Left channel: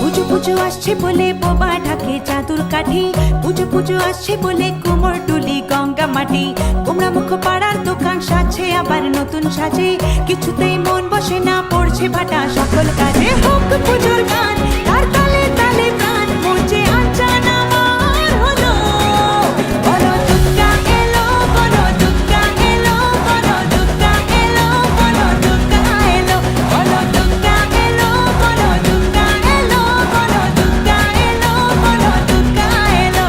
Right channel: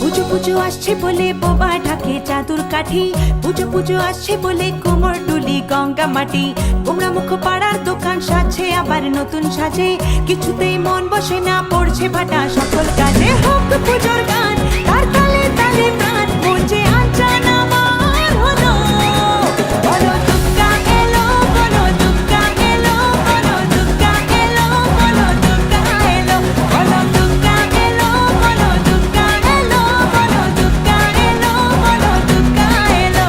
পুজো পুজো আসছে বলে বোবা ঢাকে চাদুর কাঠি, পুজো পুজো আসছে বলে কোমর টুলি গঙ্গা মাটি। কুমড়া মুখ পাড়ার দোকান সাজছে আবার নতুন সাজে, কিছুতেই মন বসে না, পড়ছে ভাটা সকল কাজে। হোক পুজোর গান তার তালে তালে প্রাণ, মঞ্চে আনচান আমার হলো। বলো দুর্গা এলো, বলো দুর্গা এলো, বলো দুর্গা এলো, বলো দুর্গা এলো, বলো দুর্গা এলো, বলো দুর্গা এলো, বলো দুর্গা এলো, বলো দুর্গা এলো।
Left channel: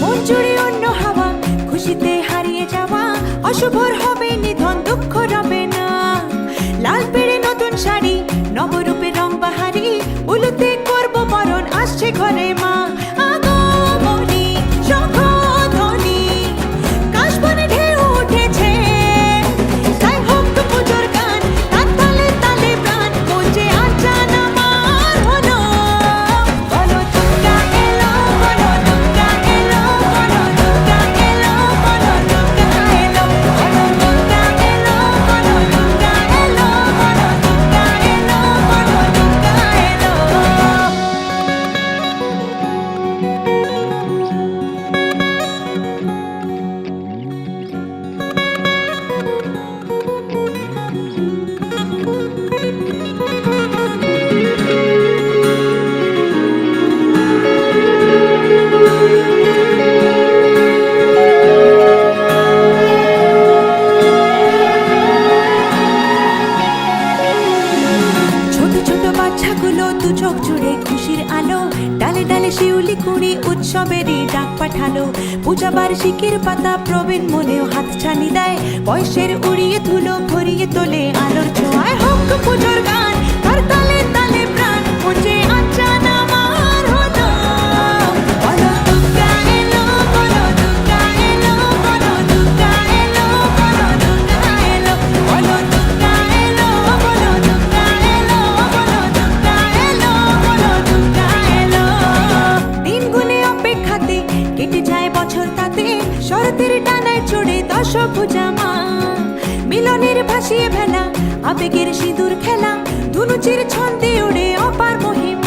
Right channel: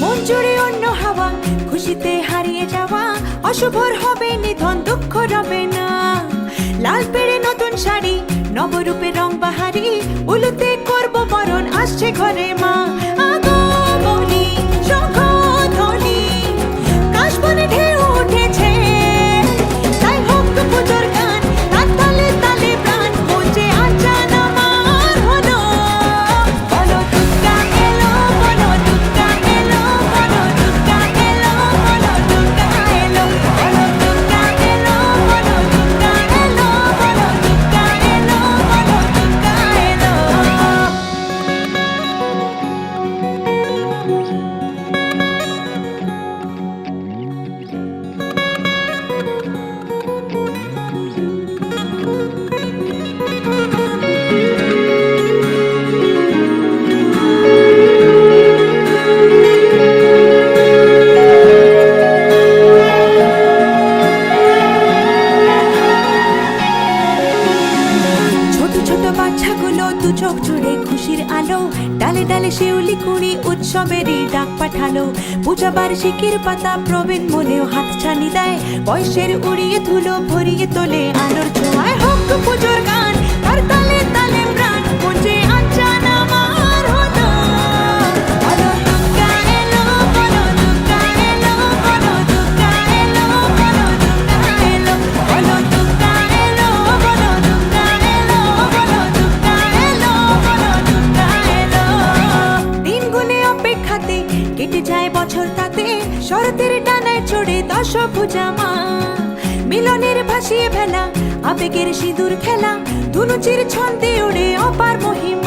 মন জুড়ে অন্য হাওয়া, খুশিতে হারিয়ে যাওয়া, অশুভর হবে নিধন, দুঃখ রবে না। লাল পেড়ে নতুন শাড়ি, নবরূপে রং বাহারি, উলুতে করবো বরণ, আসছে ঘরে মা। আগমনী শঙ্খধ্বনি, কাশবনে ঢেউ উঠেছে, তাই হোক পুজোর গান তার তালে তালে প্রাণ, মঞ্চে আনচান আমার হলো। বলো দুর্গা এলো, বলো দুর্গা এলো, বলো দুর্গা এলো, বলো দুর্গা এলো, বলো দুর্গা এলো, বলো দুর্গা এলো, বলো দুর্গা এলো, বলো দুর্গা এলো। ছোট ছোট বাচ্চাগুলো দু চোখ জুড়ে খুশির আলো, ডালে ডালে শিউলি কুড়ি উৎসবেরই ডাক পাঠালো। পূজা বার্ষিকীর পাতা প্রবীণ মনেও হাত ছানি দেয়, বয়সের উড়িয়ে ধুলো ভরিয়ে তোলে আলোর ছোঁয়ায়। হোক পুজোর গান তার তালে তালে প্রাণ, মঞ্চে আনচান আমার হলো। বলো দুর্গা এলো, বলো দুর্গা এলো, বলো দুর্গা এলো, বলো দুর্গা এলো, বলো দুর্গা এলো, বলো দুর্গা এলো, বলো দুর্গা এলো, বলো দুর্গা এলো। দিন গুনে অপেক্ষাতে কেটে যায় বছর, তাতে শরতের ডানায় চড়ে দশভুজা মা। মিলনের ভাসিয়ে ভেলা, আবেগের সিঁদুর খেলা, ধুনুচির ছন্দে ওড়ে অপার মহিমা।